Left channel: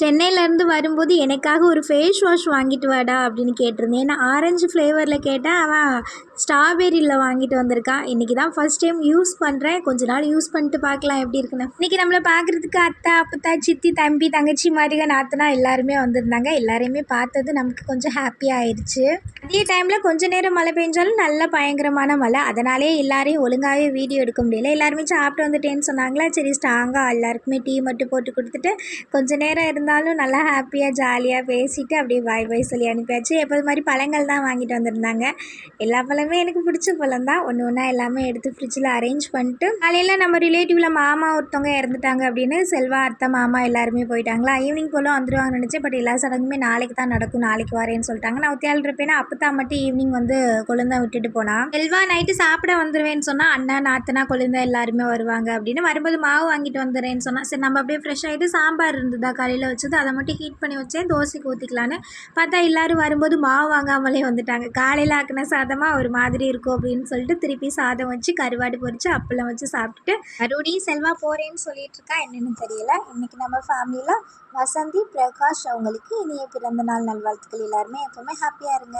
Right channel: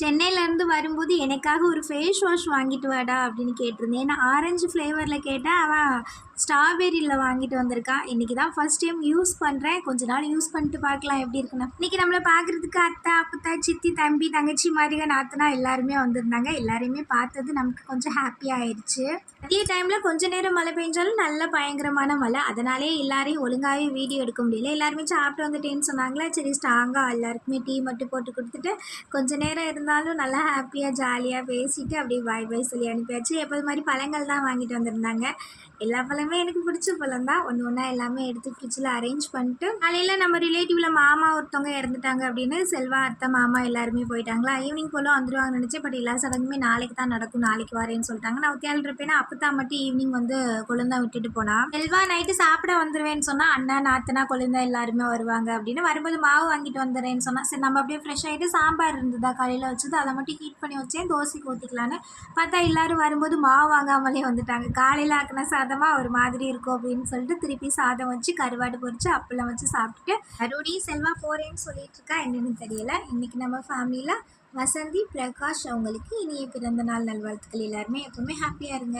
சென்னையிலேருந்து வரும்போது எனக்காக ஒரு ஃபேஸ் வாஷ் வாங்கிட்டு வாடா அப்படின்னு கேட்டிருந்தேன். ஏன்னா ஆரஞ்சு ஃப்ளேவரில் கேட்டேன், அவன் ஸ்ட்ராபெரியில் வாங்கிட்டு வந்திருக்கான். இன்றைக்கி தான் ஃபஸ்ட் டைம் யூஸ் பண்ணுறேன். கொஞ்ச நாள் யூஸ் பண்ணிட்டு பார்க்கலாம் எப்படி இருக்குன்னு. இன்றைக்கி நம்மளை பார்க்குறதுக்கு அத்தா அப்பத்தா சித்தி தம்பி தங்கச்சி மாதிரிக நாத்தனா எல்லாருமே வந்திருந்தாங்க. எல்லாரையுமே பார்த்தது நமக்கு கொஞ்சம் ஹாப்பியாக ஆயிடுச்சு. அதே டைமில் கொஞ்ச நேரம் மழை பெஞ்சாலும் நல்ல பயங்கரமான மழை. அதனாலே எல்லாரையும் ஒழுங்காகவே வீடியோ எடுக்க முடியல. எல்லாருமே சாப்பிட்டு வந்துட்டேன்னு சொன்னாங்களா, சரி ஸ்ட்ராங்காக எல்லாருக்குமே டீ மட்டும் போட்டு கொடுத்துட்டு கொஞ்ச நேரம் இருந்தாலும் நல்லா ஹாப்பியாக ஜாலியாக பேசிவிட்டு அப்படியே பாய் பாய் சொல்லி அனுப்பியாச்சு. எப்போது மாதிரி பழங்கள் தான் வாங்கிட்டு வந்திருந்தாங்க. எல்லா பழமே எனக்கு பிடிச்ச பழம் தான். ஒன்று ஒன்றா எல்லாமே எடுத்து ஃப்ரிட்ஜில் அரேஞ்ச் பண்ணிட்டு, காலையில் நம்ம ரிலேட்டிவில் மாமா ஒருத்தவங்க இறந்துட்டாங்க அப்படின்னு செல்வா அத்தை மாமா எல்லாருமே போயிட்டாங்களா. ஈவினிங் போல் வந்துடுவாங்கன்னு நினச்சேன். பட் எல்லா சடங்குமே நாளைக்கு தான் நடக்கும், நாளைக்கு வரேன்னு சொல்லிட்டாங்க. நான் ஒத்தியால் இருப்பேன்னா அப்பத்தா மட்டும் ஈவினிங் வந்து கொழுந்தா விட்டுட்டு போனா. செல்வா நைட்டு சாப்பிட வந்துடுவேன்னு சொன்னால் அண்ணா நாத்தனா கொழுந்தா எல்லாருமே வருவாங்க அப்படின்னு. வரும்போது மாவு வாங்கிட்டு வந்துடுறேன்னு சொன்னால் சரி நம்ம அப்படியே ஃப்ரெஷ் ஆகிட்டு சாம்பார் இருந்ததா காலையில் வச்சது, அதை மட்டும் ஹீட் பண்ணி வச்சேன் தோசைக்கு ஊற்றிக்கலான்னு பார்த்தா எல்லோரும் வரும்போது மாவு வாங்காமலே வந்துட்டாங்க. காலையில் ஆக்கின சாதமாக ஒரு மாதிரி இருக்கும் அப்படின்னு சொல்லிட்டு திருப்பி சாதம் வச்சு கருவாடு பொரித்து அப்பளம் வச்சு சாப்பிட்டுட்டு மறுபடியும் செல்வா போகிறேன்னு சொல்லிட்டு இருக்கா. என்னென்னு தெரியல. இன்றைக்கி நம்ம ஃபேமிலியில் வசந்தி பிரகாஷ் அவங்களுக்கு இனிய பிறந்த நாள் நல்வாழ்த்துக்கள். எல்லாருமே எப்போவுமே ஹாப்பியாக இருங்க.